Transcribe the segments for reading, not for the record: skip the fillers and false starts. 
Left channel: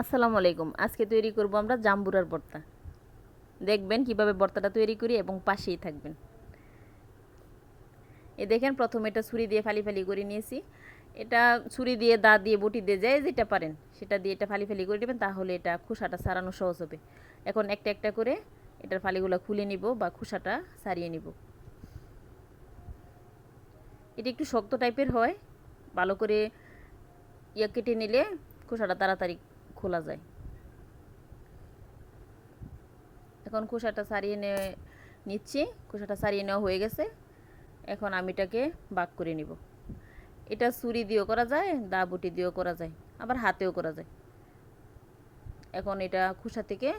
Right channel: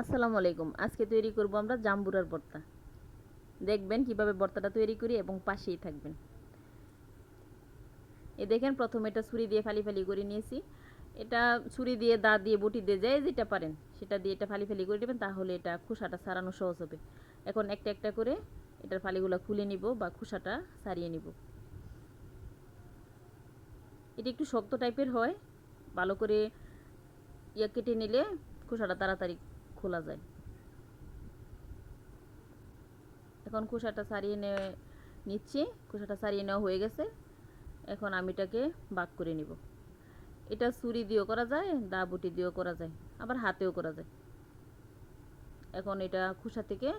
আসসালামু আলাইকুম। আজকে তৈরি করব আমরা জাম্বুরার ভর্তা। দেখবেন কিভাবে ভর্তাটা তৈরি করি এবং পাশেই থাকবেন। দেখেন প্রথমে এটা ছুরি দিয়ে ফালি ফালি করে নিয়েছি। এটা ছুরি দিয়ে দা দিয়ে বটি দিয়ে যায় যেটা পারেন সেটা দিয়ে এটা ফালি ফালি করে দেবেন, তাহলে এটা খোসাটা ছাড়ানো সহজ হবে। এখন একটা একটা করে এটার ফালিগুলো খুলে নিব বা খোসাটা ছাড়িয়ে নিব। এটা একটু শক্ত টাইপের হয়, ভালো করে কেটে নিলে খোসাটা তাড়াতাড়ি খোলা যায়। এখন খোসাটা ছাড়িয়ে নিচ্ছি। খোসাটা ছাড়িয়ে নেওয়া হয়ে গেছে। এখন আমি এটাকে ভাগ করে নিব। এটা ছুরি দিয়েও করা যায়, দা বটি দিয়েও করা যায়, আবার হাতেও করা যায়। এখন এটা খোসা থেকে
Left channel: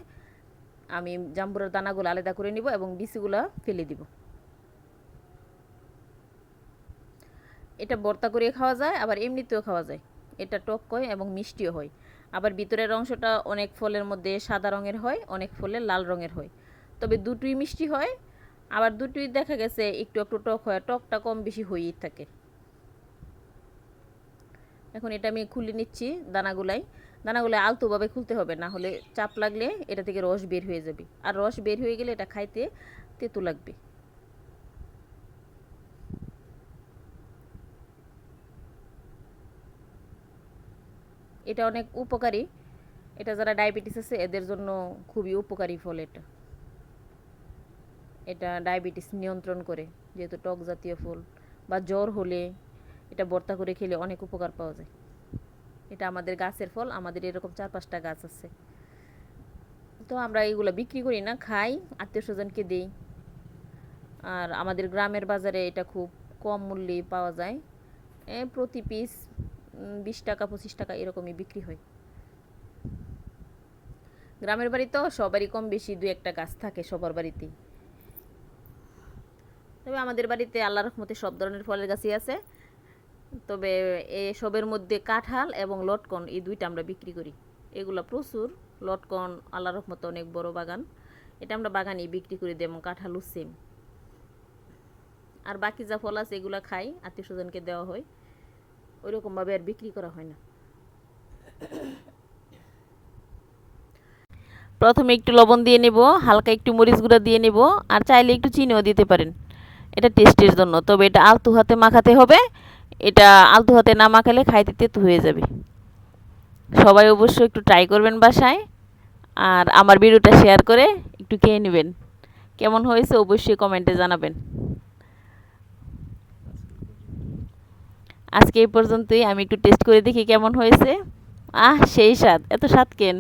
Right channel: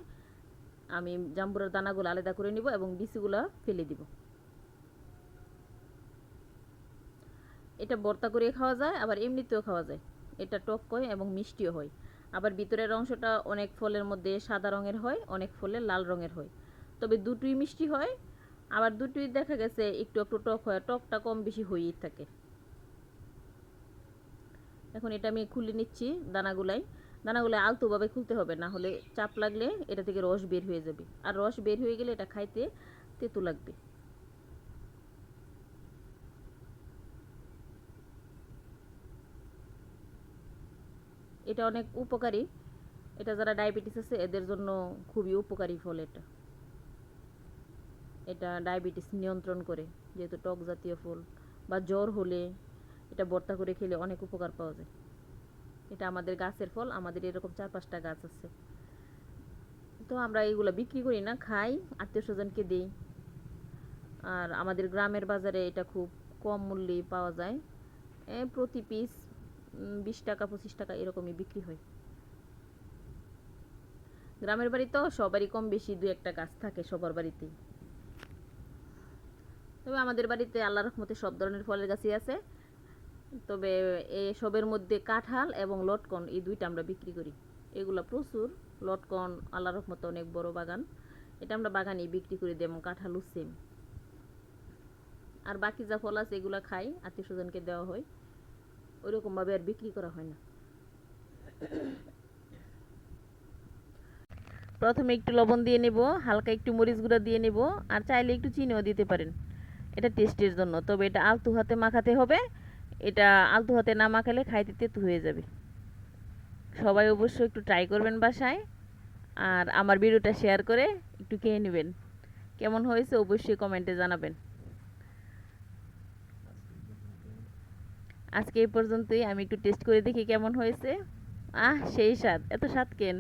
আমি জাম্বুরার দানাগুলো আলাদা করে নিব এবং বিচিগুলো ফেলে দিব। এটা ভর্তা করে খাওয়া যায়, আবার এমনিতেও খাওয়া যায়। এটা টক হয় এবং মিষ্টিও হয়। আবার ভিতরের অংশটা অনেক ফলের মধ্যে সাদা রঙের হয়, অনেক ফলের লাল রঙের হয়। তবে দুটোই মিষ্টি হয়, আবার দুটোই দেখা গেছে একটু একটু টক হয়। টকটা কম বেশি হয়েই থাকে। এখন এটা আমি খুলে নিচ্ছি দানাগুলো আলতোভাবে খুলতে হবে, না হলে চাপ লাগলে এটা থেকে রস বের হয়ে যাবে, আর রস বের হয়ে গেলে এটা খাইতে তেতো লাগবে। এটা অনেক উপকারী। এটা যারা ডায়াবেটিস আছে এদের জন্য খুবই উপকারী ফল। এটা এটা ডায়াবেটিস নিয়ন্ত্রণ করে, যেহেতু টক জাতীয় ফল। বা জ্বর হলে এটা ভর্তা করে খেলে অনেক উপকার পাওয়া যায়। এটা আমাদের গাছের ফল, আমাদের এরকম 4-5টা গাছ আছে। তো আমরা এগুলো বিক্রি করি না, খাই, আত্মীয় স্বজনকে দিই। আর আমাদের গ্রামের বাজারে এটা খুব কম মূল্যে পাওয়া যায়। প্রতি পিস 20 টাকা 25 টাকা এরকমই বিক্রি হয়। গ্রামের বাড়ি তো সবারই কম বেশি 2-1টা গাছ থাকে সবার বাড়িতেই। তবে আমাদের বাড়িতে আল্লাহর রহমতে সব ধরনের ফলের গাছই আছে। তবে সবের মধ্যে কাঁঠাল এবং লটকন এই দুইটা আমরা বিক্রি করি। এগুলো প্রচুর। লটকন আল্লাহর রহমতে অনেক বড় বাগান, এটা আমরা বাগানেই বিক্রি করে দিই, এবং কাঁঠালও সেম। আর বাকি যা ফল আছে এগুলো খাই, আত্মীয় স্বজনকে দেওয়া হয়, ওইরকমভাবে আর বিক্রি করা হয় না। প্রথমে একটু লবণ দিয়ে নেব, হালকা একটু মরিচ গুঁড়া দিয়ে নেব, আর চাইলে একটু চিনিও দিতে পারেন, এটা টেস্টের জন্য। তবে এটা আলতু হাতে মাখাতে হবে। এটা আলতু হাতে না মাখালে খাইতে তেতো হয়ে যাবে। সবাই অবশ্যই একটু ট্রাই করবেন বাসায়, আর আমার ভিডিওটা শেয়ার করে একটু খেয়ে নেবেন। কেমন হয়েছে অবশ্যই কমেন্টে জানাবেন। আজকে এই পর্যন্তই। আমি একটু টেস্ট করে দেখি কেমন হয়েছে। সেই স্বাদ, এত স্বাদ কেন?